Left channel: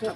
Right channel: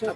ओम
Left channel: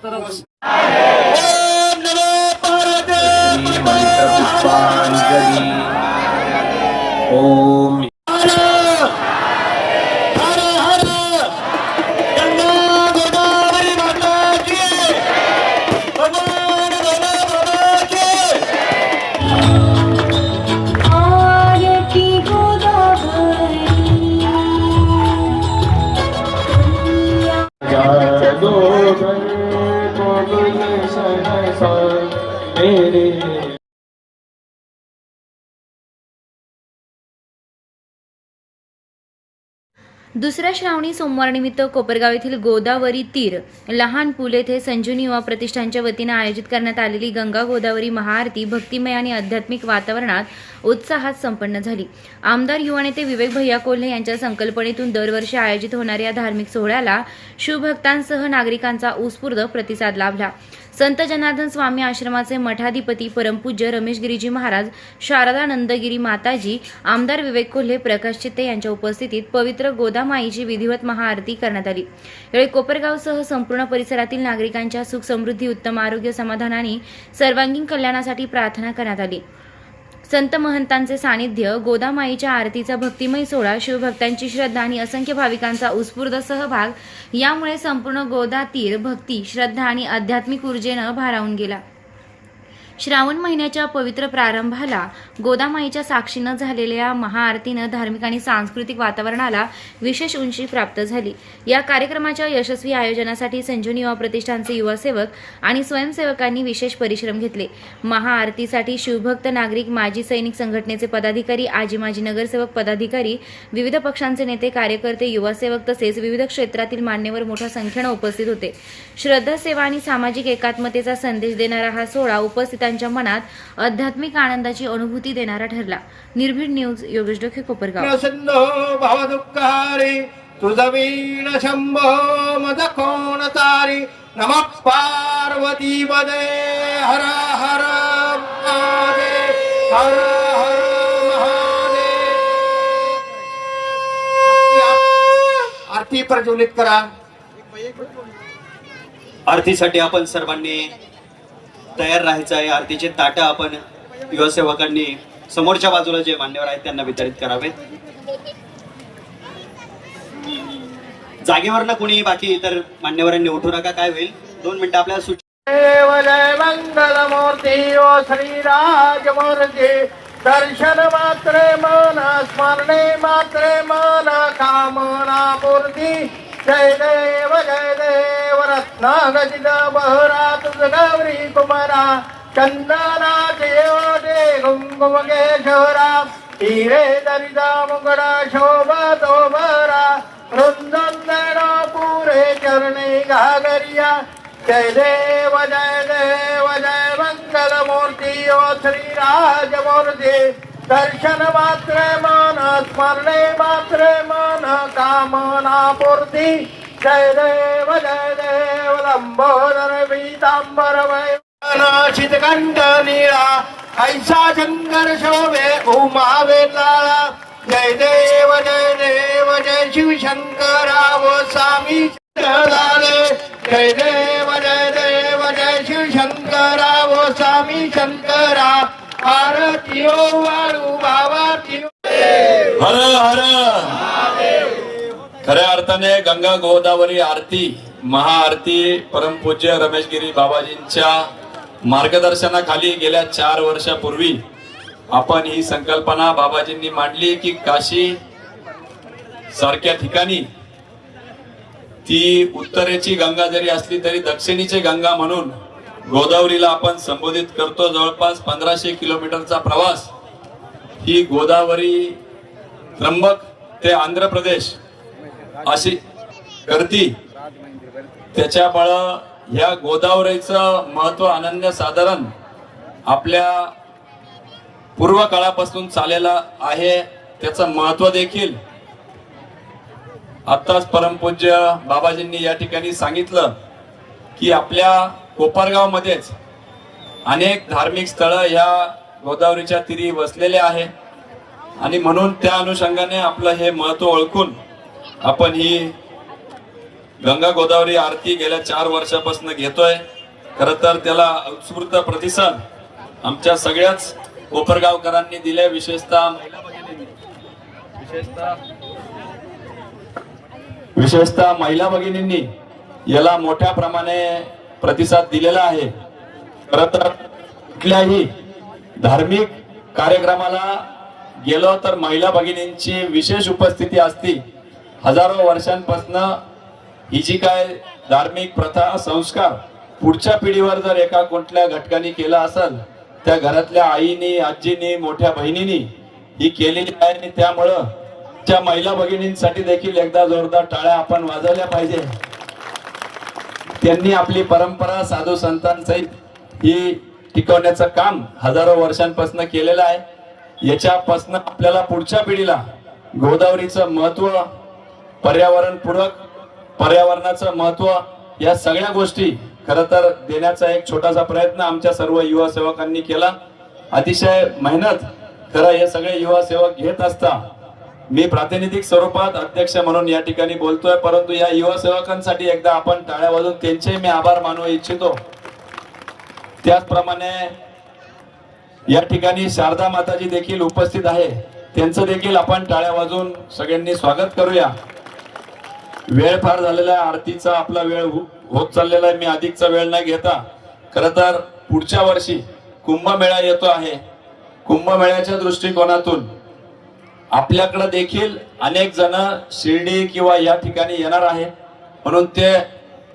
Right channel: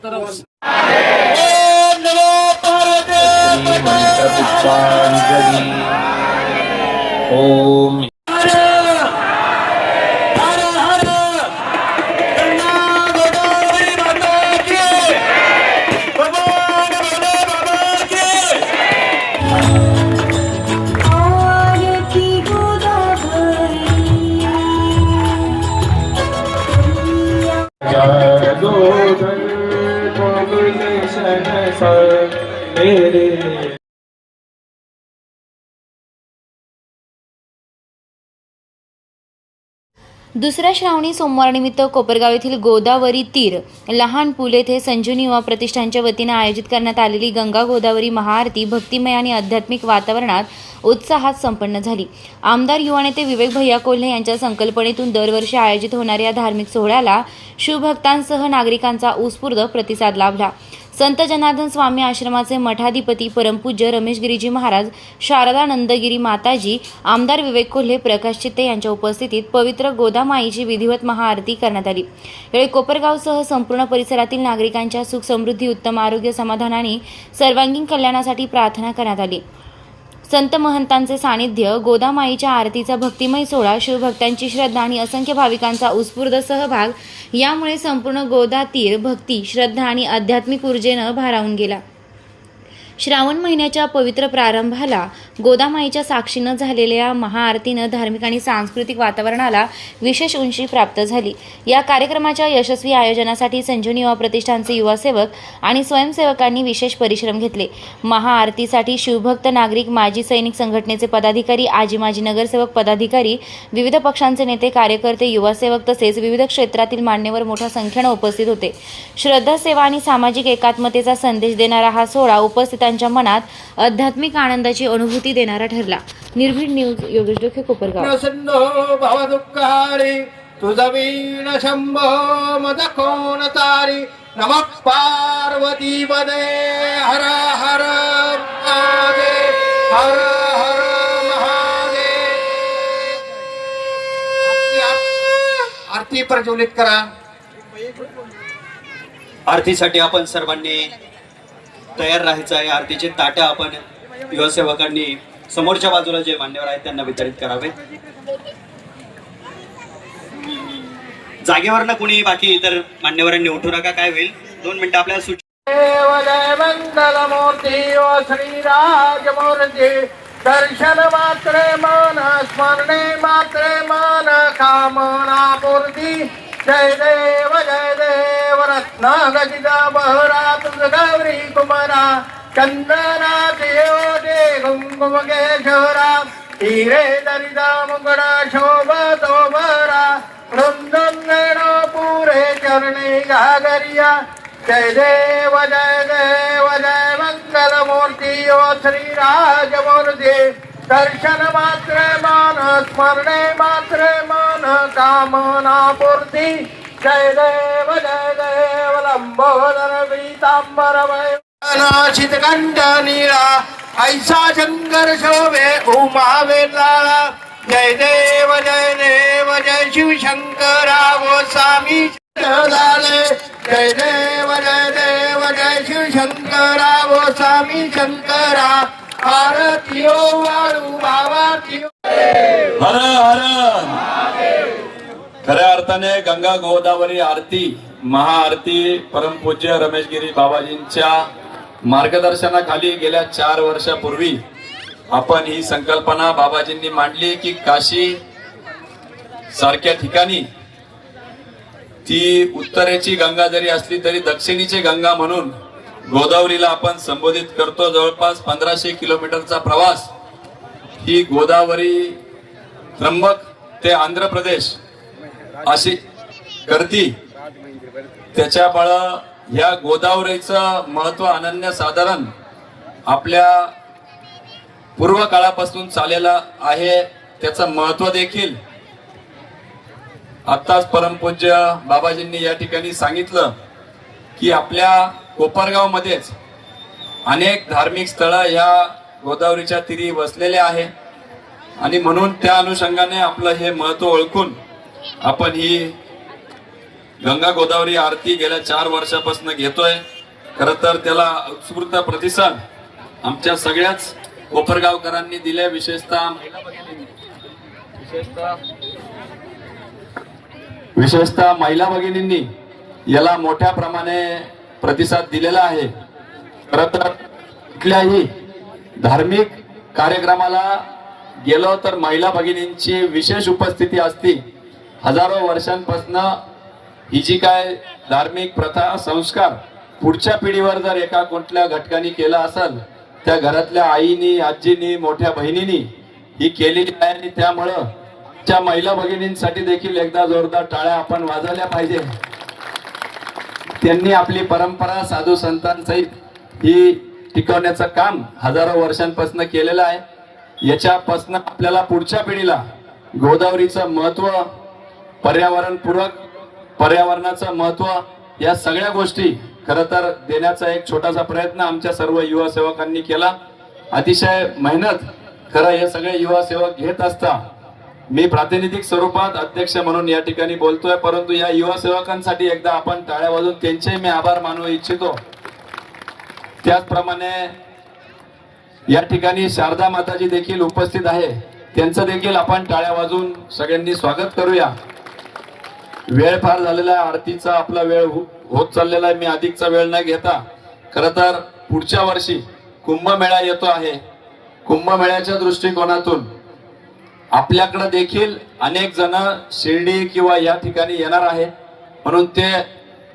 दुसऱ्या श्रावणी सोमवारनिमित्त कोपरगाव येथील गोदावरी तीर लहान पूल येथे संजीवनी युवा प्रतिष्ठानच्या वतीने आयोजित करण्यात आलेली गंगा गोदावरी महाआरती भक्तिमय आणि आध्यात्मिक वातावरणात उत्साहात संपन्न झाली। आमदार युवा नेते विवेक भैया कोल्हे यांच्या संकल्पनेतून दरवर्षी आयोजित होणाऱ्या या धार्मिक सोहळ्याला शिवभक्तांसह नागरिकांचा उत्स्फूर्त प्रतिसाद लाभला। संत जनार्दन स्वामी आश्रमाचे मठाधिपती परमपूज्य रमेश गिरीजी महाराज, शारदा नंदगिरी माताजी, आमदार विवेक कोल्हे, प्रकाश चित्ते यांच्या उपस्थितीत पवित्र गोदामाईची विधिवत महाआरती करण्यात आली। यावेळी कोपरगावसह संपूर्ण परिसरातील नागरिकांच्या सुख समृद्धी, उत्तम आरोग्य, समाधान आणि सर्वांगीण कल्याणासाठी प्रार्थना करण्यात आली। संत महंतांचे सानिध्य, गोदामाईच्या आरतीचा भक्तिमय सोहळा, शिवभक्तांची श्रद्धा आणि असंख्य भाविकांचा उत्स्फूर्त सहभाग यामुळे संपूर्ण गोदा तीर भक्ती, श्रद्धा आणि आध्यात्मिक ऊर्जेनं भारावून गेला। श्रावण महिन्याच्या पवित्र प्रारंभाला गोदामाईच्या साक्षीनं झालेल्या महाआरतीनं धार्मिक आणि सांस्कृतिक वातावरणाला विशेष उंची प्राप्त झाली। या कार्यक्रमाच्या यशस्वी आयोजनासाठी संजीवनी युवा प्रतिष्ठानचे युवासेवक आणि स्वयंसेवकांनी विशेष परिश्रम घेतले। महाआरतीसाठी शिवभक्त नागरिक, माजी सैनिक संघटनेचे पदाधिकारी, आजी माजी नगरसेवक पदाधिकारी, विविध पक्षांचे नेते, कार्यकर्ते, युवासेवक तसेच विविध क्षेत्रातील मान्यवर मोठ्या संख्येनं उपस्थित होते। श्रद्धा, सेवा आणि सामाजिक एकात्मतेचा संदेश देणारा हा सोहळा उपस्थितांच्या मनात आध्यात्मिक आनंदाची अनुभूती देणारा ठरला। निर्भीड न्यूज, योगेश डोके, कोपरगाव। सिंधो भवदुःखहारी तुझा वीण शंभो मद कोण तारी नमः पार्वती पदे हर हर महादेव हर हर महादेव। आरती प्रज्वलित करा। आरतीसाठी आपण सर्वांनी तयार राहायचं आहे। आरतीचे ताटं आपण युवासेवकांनी समोरच्या बाजूला जे मान्यवर आहेत त्यांना वितरित करावे। जागेवरनं कोणी बाकी इतर मान्यवरांनी उठू नका, काय होईल 2 मिनिटं आपल्याला सुट्टी। देव जय मंगल मूर्ती ओ श्रीराज मूर्ती दर्शन मात्रे मन स्मरणे मात्रे मन कामना पूर्ती। जय देव रत्न गजिता बहरा तुझ गौरी कुमारा चंदना देव दे कुंकुम केशवरा हिरे दरिदा मुगडा शोभा तोबरा वृंदन पुरे चरणे घागरिया। जय देव जय मंगल मूर्ती ओ श्रीराज मूर्ती दर्शन मात्रे मन स्मरणे मात्रे मन कामना पूर्ती। जय देव लंबोदर पीतांबरमय नाशित कंठ नीळा ऐसा शंकर शोभे उमा वेला। जय देव जय शिव शंकरा गोस्वामी झाले। जय देव जय शिव शंकरा गोस्वामी शंकरा आरती ओ वाळू भावाती। हर हर। खऱ्या अर्थाने गंगा गोदावरी आरती महाआरती परमपूज्य रमेशगिरी बाबाजींच्या मार्गदर्शनाखाली गेल्या 4 वर्षापूर्वी आपण ही संकल्पना बाबाजींनी मांडली की काशी सारख्या ठिकाणी ती उत्तरेची गंगा जरी असली तरी दक्षिणेची गंगा म्हणून गोदावरीला आपण संबोधित करतो। जवळपास 1500 किलोमीटरचा प्रवास ही गोदावरी त्र्यंबक ते आंध्र प्रदेश अशी करती। त्याच्यामुळं ह्या गोदावरीचं महत्व अनन्यसाधारण आपल्या पूर्व काळापासून चाललेला आहे। त्याचं महत्व देखील आत्ताच परमपूज्य बाबाजींनी या ठिकाणी सांगितलं की आपल्या कोपरगाव मध्येच अनेक धार्मिक स्थळं ह्या गोदावरीच्या तीरी वसलेले आहे आणि म्हणून त्या अनुषंगाने आपलं हे महत्व ओळखून आपण ही गंगा गोदावरी आरती गेल्या 4 वर्षापासून घेतोय. खर तर त्याला उत्स्फूर्त प्रतिसाद आमच्या सगळ्याच कोपरगावकरांनी दिले, विशेषतः महिला भगिनींनी, विशेषतः महिला भगिनींनी याला मोठ्या प्रमाणे प्रतिसाद दिलेला आहे. खर तर कुठल्याही धार्मिक कार्यक्रमाला गेलो तर महिला भगिनींची विशेष उपस्थिती असते. हजारो वर्षांपासून ही जी काय धार्मिक प्रथा संस्कार पुढच्या पिढीवर जर एका कुठल्या घटकाने केला असेल, त्या घरातल्या आईनी, आजीनी, मोठ्या बहिणींनी ही केलेली आहे. आणि त्यामुळं आमच्या महिला भगिनींसाठी देखील एकदा जोरदार टाळ्या आपण वाजवल्या पाहिजे. त्यांनी आपली परंपरा साधू संतांसहित ही टिकवण्याचं काम हजारो वर्षांपासून केलेलं आहे. याच्यापासून आपल्याला पुढच्या पिढीला गोदावरीचं महत्व, पर्यावरणपूरक पर्यावरणाचं महत्व, या सगळ्या गोष्टी खरं तर देण्याचा एक छोटासा प्रयत्न आमच्या सर्व युवा सेवकांनी केला. अतिशय मेहनत खरं हे सगळे युवा सेवक घेत असता. मी प्रातिनिधिक स्वरूपात अध्यक्ष म्हणून या ठिकाणी बोलतोय, परंतु या युवा सेवकांसाठी एकदा आपण टाळ्या वाजवून त्यांचे मी आभार मानू इच्छितो. त्याचप्रमाणे या ठिकाणी शारदा माताजी देखील उपस्थित आहे, त्यांचं देखील आपण टाळ्या वाजवून सगळ्यांनी स्वागत करूया. वेळ फार झालेला आहे, आरतीचा आपला वेळ होत चाललेला आहे. मी अधिकचा वेळ न घेता खरं तर पुढच्या वर्षी कुंभमेळा येतो आहे. कुंभमेळ्याच्या दृष्टिकोनातून आपल्याकडे देखील अनेक जण शिर्डी किंवा या ठिकाणी येणार आहे, म्हणून ते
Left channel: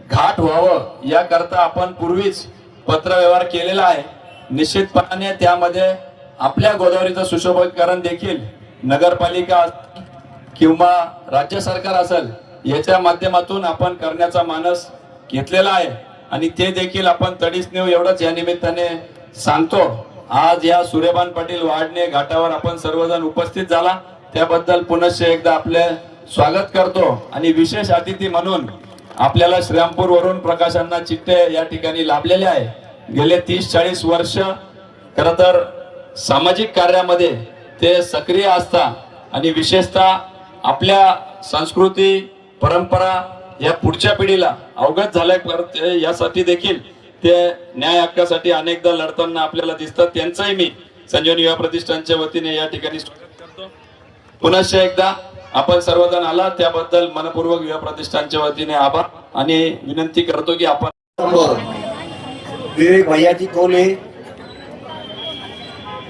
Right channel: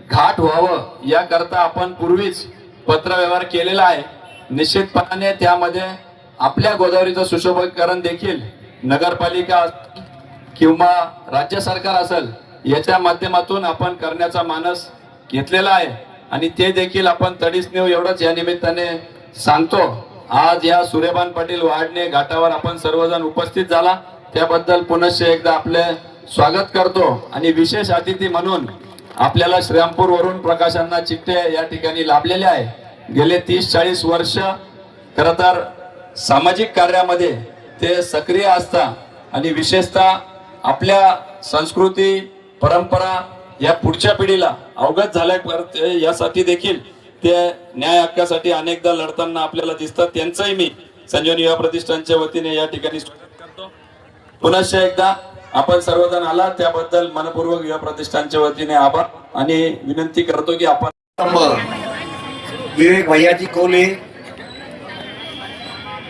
घाट व्हावं याकरता आपण पूर्वीच पत्रव्यवहार केलेला आहे. निश्चितपणाने त्यामध्ये आपल्या गोदावरीचं सुशोभीकरण देखील नगरपालिका किंवा राज्य सरकार असेल याच्या माध्यमातून आपण करण्याचा मानस घेतलेला आहे. आणि ते देखील आपण तडीस नेऊ एवढंच या निमित्ताने सांगतो. आज या सूर्यभान पाटील वाढणे घाटावर आपण सर्वजण उपस्थित झाला, त्याबद्दल पुनश्च एकदा आपले स्वागत करतो. आणि विशेष अतिथी म्हणून आपल्याला श्रीरामपूर वरून प्रकाशांना चिठ्ठे या ठिकाणी लाभलेले आहे. गेले 30-40 वर्ष खरं तर सामाजिक कार्यामध्ये ते सक्रिय असतात आणि विशेषतः आपल्या संस्कृती परंपरा या पुढच्या पिढीला अवगत झाल्या यासाठी देखील ते न्याय हक्कासाठी अनेकदा लढताना आपल्याला दिसतात. त्यांचंही मी संजीवनी युवा प्रतिष्ठानच्या वतीने या ठिकाणी स्वागत करतो. पुनश्च एकदा आपण सर्वजण आला त्याबद्दल मनपूर्वक युवा प्रतिष्ठानच्या वतीने आभार आणि विनंती करतो की आपण विवेक भैयाजी कोले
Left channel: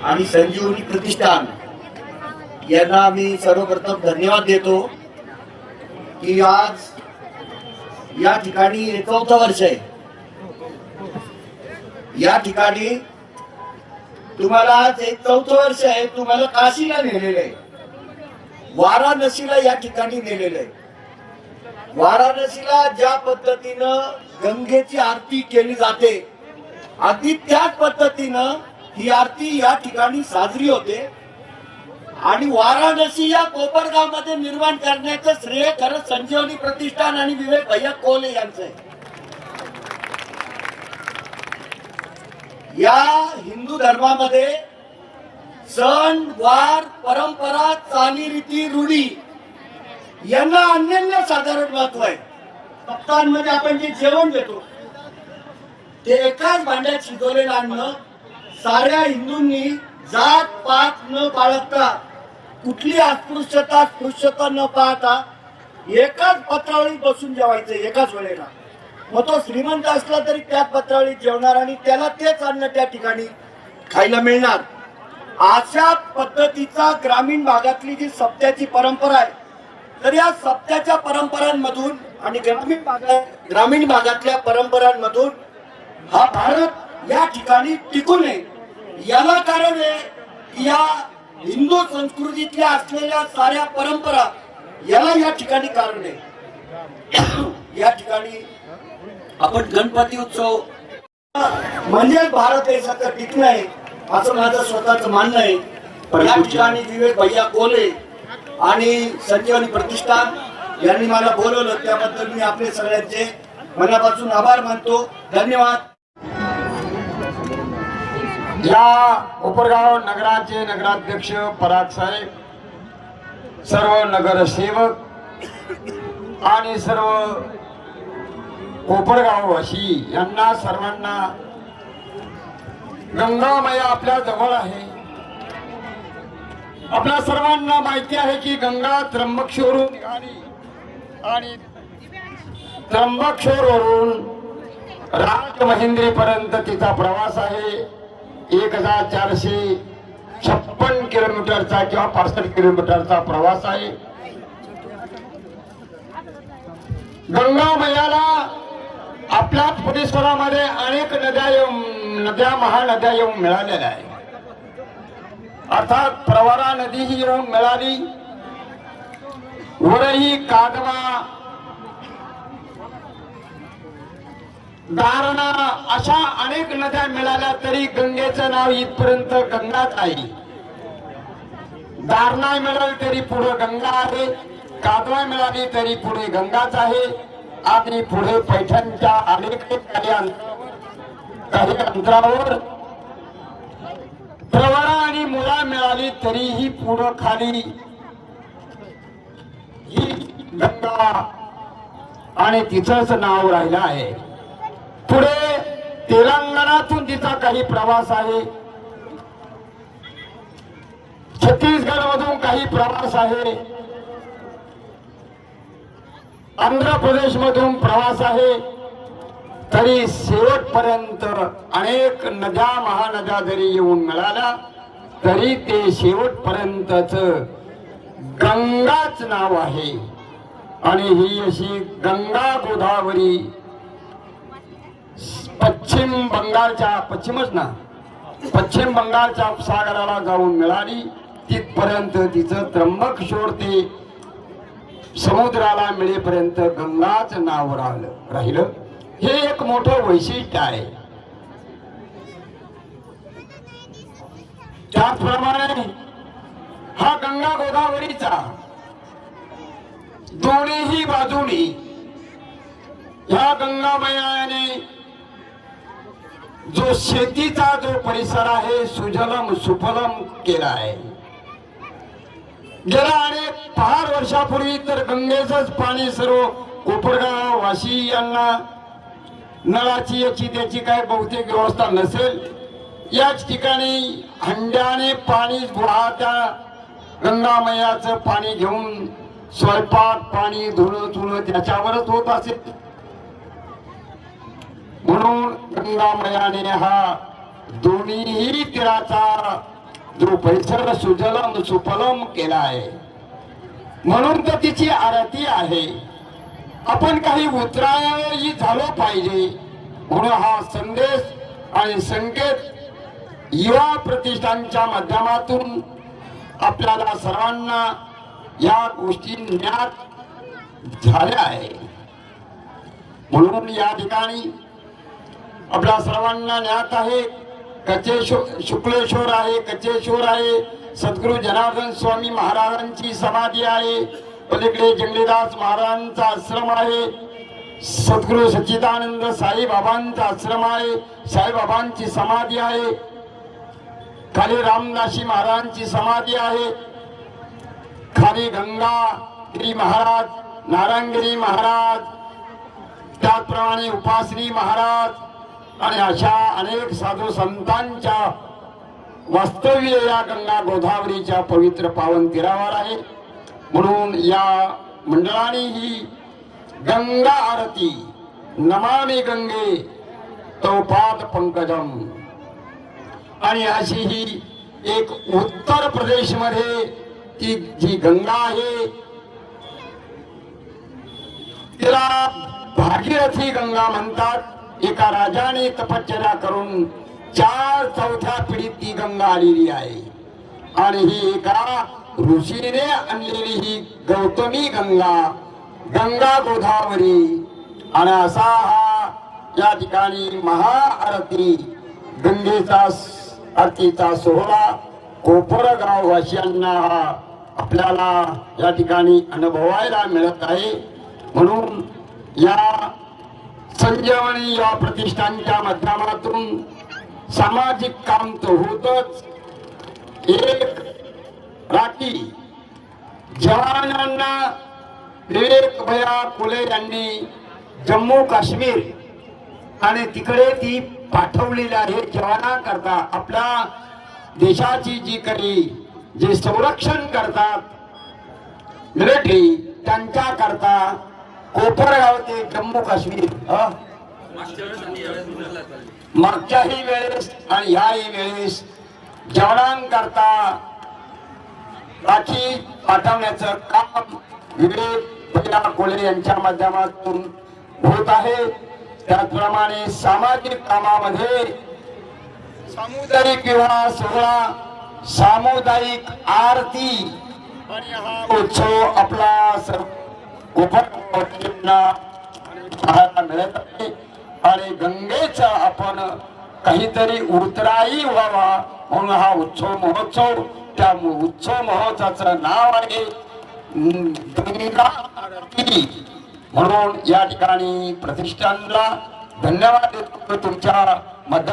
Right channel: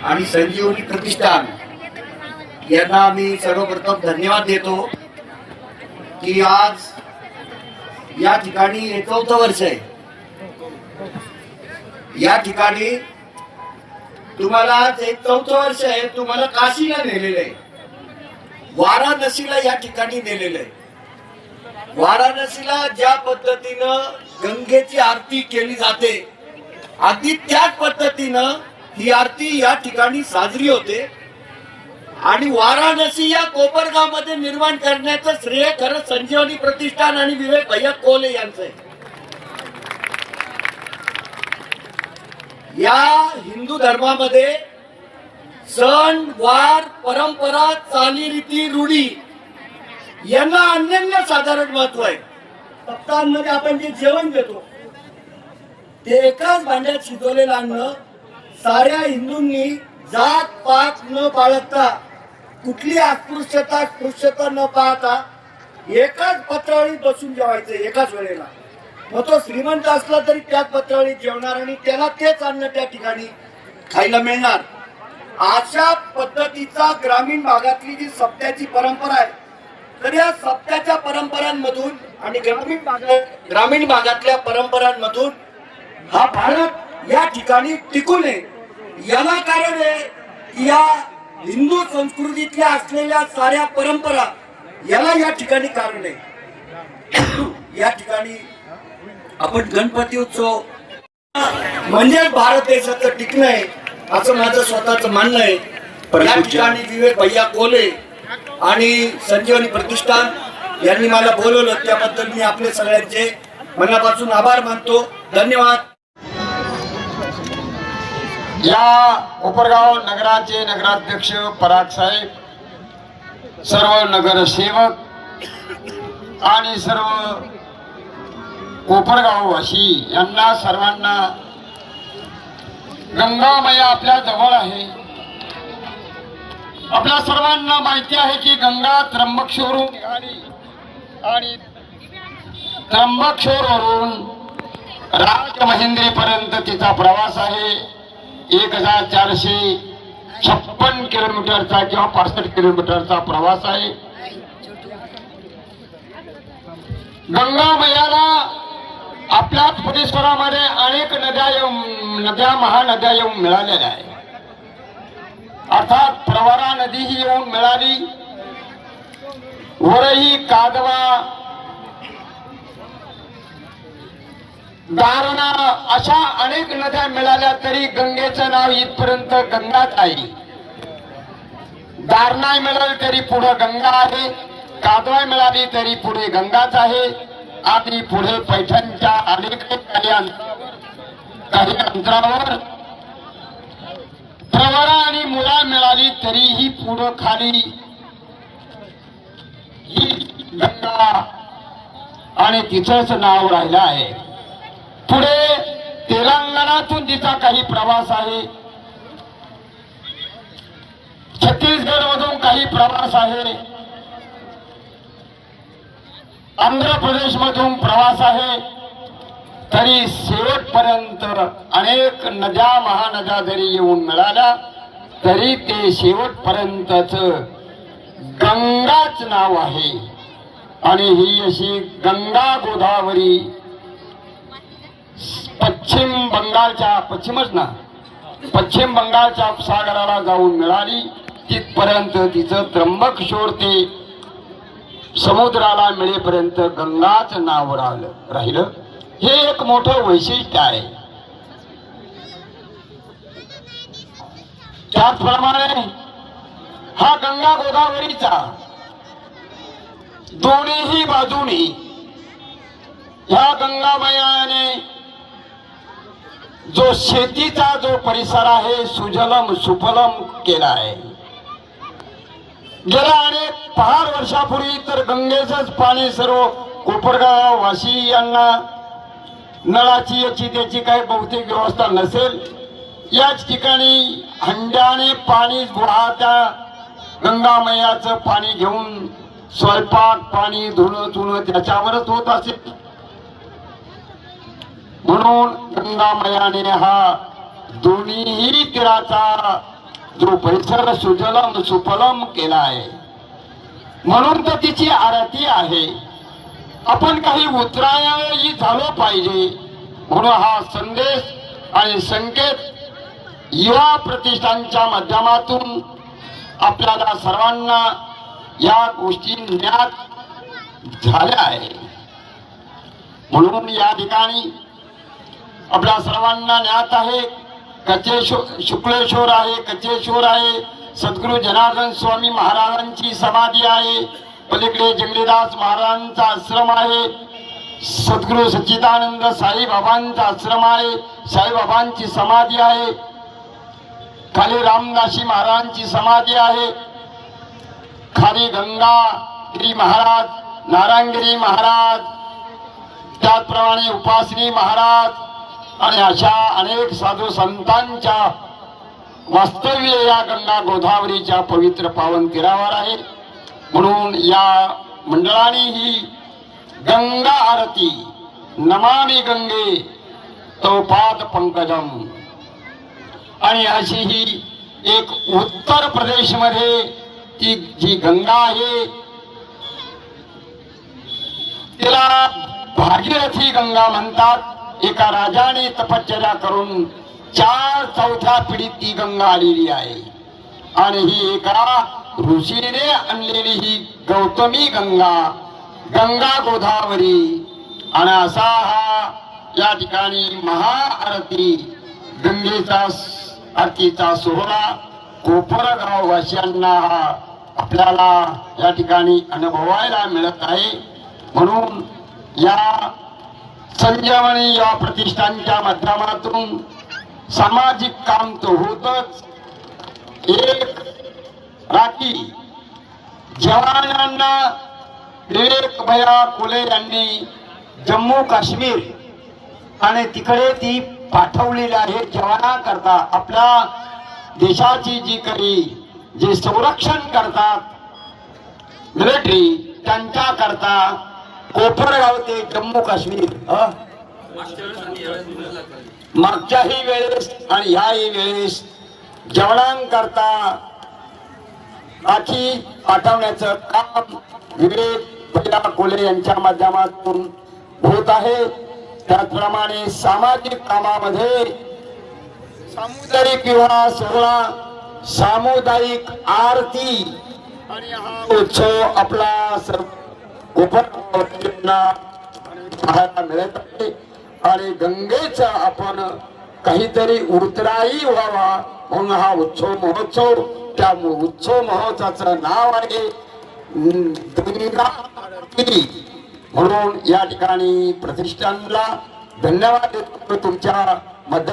आणि संजीवनी प्रतिष्ठान यांना मी सर्वप्रथम धन्यवाद देतो की आज या ठिकाणी 4थं वर्ष आहे. या ठिकाणी तुम्हाला आज 4थं वर्ष आहे. तुम्हाला काशीला नेलेलं आहे, वाराणसीला या ठिकाणी नेलेलं आहे. वाराणसीला ज्या पद्धतीनं गंगेची आरती केली जाते, अगदी त्याच पद्धतीनं ही आरती या ठिकाणी साजरी होते. आणि वाराणसी या कोपरगाव मध्ये निर्माण करण्याचं श्रेय खरं संजीवनी प्रतिष्ठान आणि विवेक भैया कोले यांचं आहे. या हिंदू धर्मामध्ये सण वार परंपरा चालीरीती रूढी यांना अनन्य साधारण महत्व आहे. भक्तांमध्ये आपण जे जेवण देतो ते एकाच भांड्यात शिजवलेलं अन्न साऱ्या हिंदूंनी जात पात न बाळगता, कुठली अस्पृश्यता स्पृश्यता न पाहता एकाच पत्रावळीत बसून जेवायचं एकाच वेळेला. मग तो श्रीमंत असला तरी त्याच पत्रावळीत जेवणार आणि त्याला तेच अन्न त्या ठिकाणी खायला मिळणार. अशा पद्धतीचा ग्रामीण भागातली जी सप्त्याची परंपरा आहे, तर या सप्त्याच्या परंपरांमधून आणि ग्रामीण भागातल्या परंपरांमधून हा भारत या ठिकाणी टिकून आहे. याला कारण आहे या हिंदू संस्कृतीतल्या असलेल्या साऱ्या परंपरा याला या ठिकाणी कारण आहे. या ठिकाणी आपण गणपती उत्सव म्हणजे भारत देशाचं टिकणं आहे असं माझं स्वतःचं म्हणणं आहे. या ठिकाणी विवेक भैया कोले आणि संजीवनी प्रतिष्ठान यांनी मला बोलवलं, त्याबद्दल मी आपले सगळ्यांचे मनापासून आभार मानतो. धन्यवाद. या कोपरगाव नगराचे नगराध्यक्ष पराग साहेब, सर्व नगरसेवक आणि सर्व कोपरगाववासी यांना सर्वांना गंगामाया आपल्या जवळ आहे. आपल्या सर्वांना माहिती आहे की गंगा त्र्यंबकेश्वरून निघाली आणि त्र्यंबकेश्वरवरून राजमहेंद्रीपर्यंत तिचा प्रवास आहे. 1456 किलोमीटरचा किंवा 65 किलोमीटरचा प्रवास आहे. गंगा मैयाला आपल्या परिसरामध्ये अनेक नद्या महानद्या येऊन मिळालेल्या आहे. अर्थात प्रवरा नदी ही येऊन मिळाली, वरही कादवा, दारणा अशा अनेक नद्या मिळाल्या तरी गंगेचं नाव इथपर्यंत गंगाच आहे. दारणा मिळाली तरी पुढे गंगा आहे, कादवा मिळाली तरी पुढे गंगाच आहे. आणि पुढे पैठणच्या अलीकडे काही अंतरावर प्रवरा आणि मुळा मिळाली तरीही पुढं खाली ही गंगा आणि तिचंच नाव राहिलं आहे. पुढे तेलंगणातून तिचा काही प्रवास आहे, छत्तीसगड मधून काही प्रवास आहे, आंध्र प्रदेश मधून प्रवास आहे. तरी शेवटपर्यंत अनेक नद्या महानद्या जरी येऊन मिळाल्या तरी ते शेवटपर्यंतच गंगाच नाव आहे. आणि ही अशी गंगा गोदावरी पश्चिम बंगालच्या उपसागराला जाऊन मिळाली. तिथपर्यंत तिचं त्र्यंबकेश्वर ते समुद्राला मिळेपर्यंत गंगाच नाव राहिलं. हे एक मोठं वैशिष्ट्य आहे. त्याचप्रमाणे हा गंगा गोदावरीचा दोन्हीही बाजूनी ह्या गंगामयाने जो शेतीचा जो परिसर आहे सुजलम सुफलम केला आहे. गेल्या अनेक 5 वर्षापूर्वी तर गंगेचंच पाणी सर्व कोपरगाव वाशी यांना नळाची याची त्याची काही बहुतेक व्यवस्था नसेल. याच ठिकाणी हंड्याने पाणी त्या गंगामयाचं पाणी घेऊन स्वयंपाक पाणी धुणं त्याच्यावरच होत असेल. म्हणून गंगामयाने हा दोन्हीही तीराचा जो परिसर सुजलम सुफलम केला आहे. म्हणून तर तिची आरती आहे. आपण काही उतरायही झालो पाहिजे म्हणून हा संदेश आणि संकेत युवा प्रतिष्ठानच्या माध्यमातून आपल्याला सर्वांना या गोष्टी ज्ञात झाल्या आहे. म्हणून या ठिकाणी आपल्या सर्वांना ज्ञात आहे शुक्लेश्वर आहे, कचेश्वर आहे, सद्गुरू जनार्दन स्वामी महाराजांची समाधी आहे, पलीकडे जंगलीदास महाराजांचा आश्रम आहे, सद्गुरू सच्चिदानंद साईबाबांचा आश्रम आहे, साईबाबांची समाधी आहे, खाली रामदासी महाराजांची समाधी आहे, खाली गंगागिरी महाराज, नारायणगिरी महाराज, त्याचप्रमाणे उपासनी महाराज आणि अशा अनेक साधू संतांच्या वास्तव्य या गंगा गोदावरीच्या पवित्र पावन तीरावर आहे. म्हणून या मंडळाने ही गंगा आरती नमामि गंगे तव पाद पंकजम आणि अशी ही एक उत्तर प्रदेश मध्ये ती जी गंगा आहे तिला भागीरथी गंगा म्हणतात. एका राजाने तपश्चर्या करून 4/4 पिढीत ती गंगा आलेली आहे आणि ही एका ऋषीने आणलेली ही गौतमी गंगा गोदावरी आणि असा हा या ठिकाणी महाआरती गंगेचा आरतीचा सोहळा कोपरगाव वासियांना आपल्याला या ठिकाणी अनुभवायला मिळत आहे. म्हणून या संजीवनी या प्रतिष्ठानच्या माध्यमातून सामाजिक काम तर होतच. एक राखी जवानांना विवेक भैया फुले यांनी जम्मू काश्मीर आणि तिकडे ती पाठवलेली आहे जवानाकरता, आपल्या देशाची जी काही जे संरक्षण करतात मिलिटरी त्यांच्याकरता कोपरगाव ते जम्मू काश्मीर मागच्याही वेळेस आणि ह्याही वेळेस जवानांकरता राखी पाठवण्याचं काम विवेक भैया कोले यांच्या माध्यमातून होत आहे. त्याचप्रमाणे सामाजिक कामामध्ये सामुदायिक विवाह सोहळा, सामुदायिक आरती आणि हा उत्सव आपला सर्व कोपरगावला पाहायला मिळत आहे. आणि गंगेचा आपण काहीतरी उतराई व्हावा म्हणून हा उत्सव महोत्सव, त्या उत्सव महोत्सवाचं नाव आहे गंगा आरती. म्हणून या ठिकाणी प्रतिष्ठानला धन्यवाद देतो तुमच्या मदत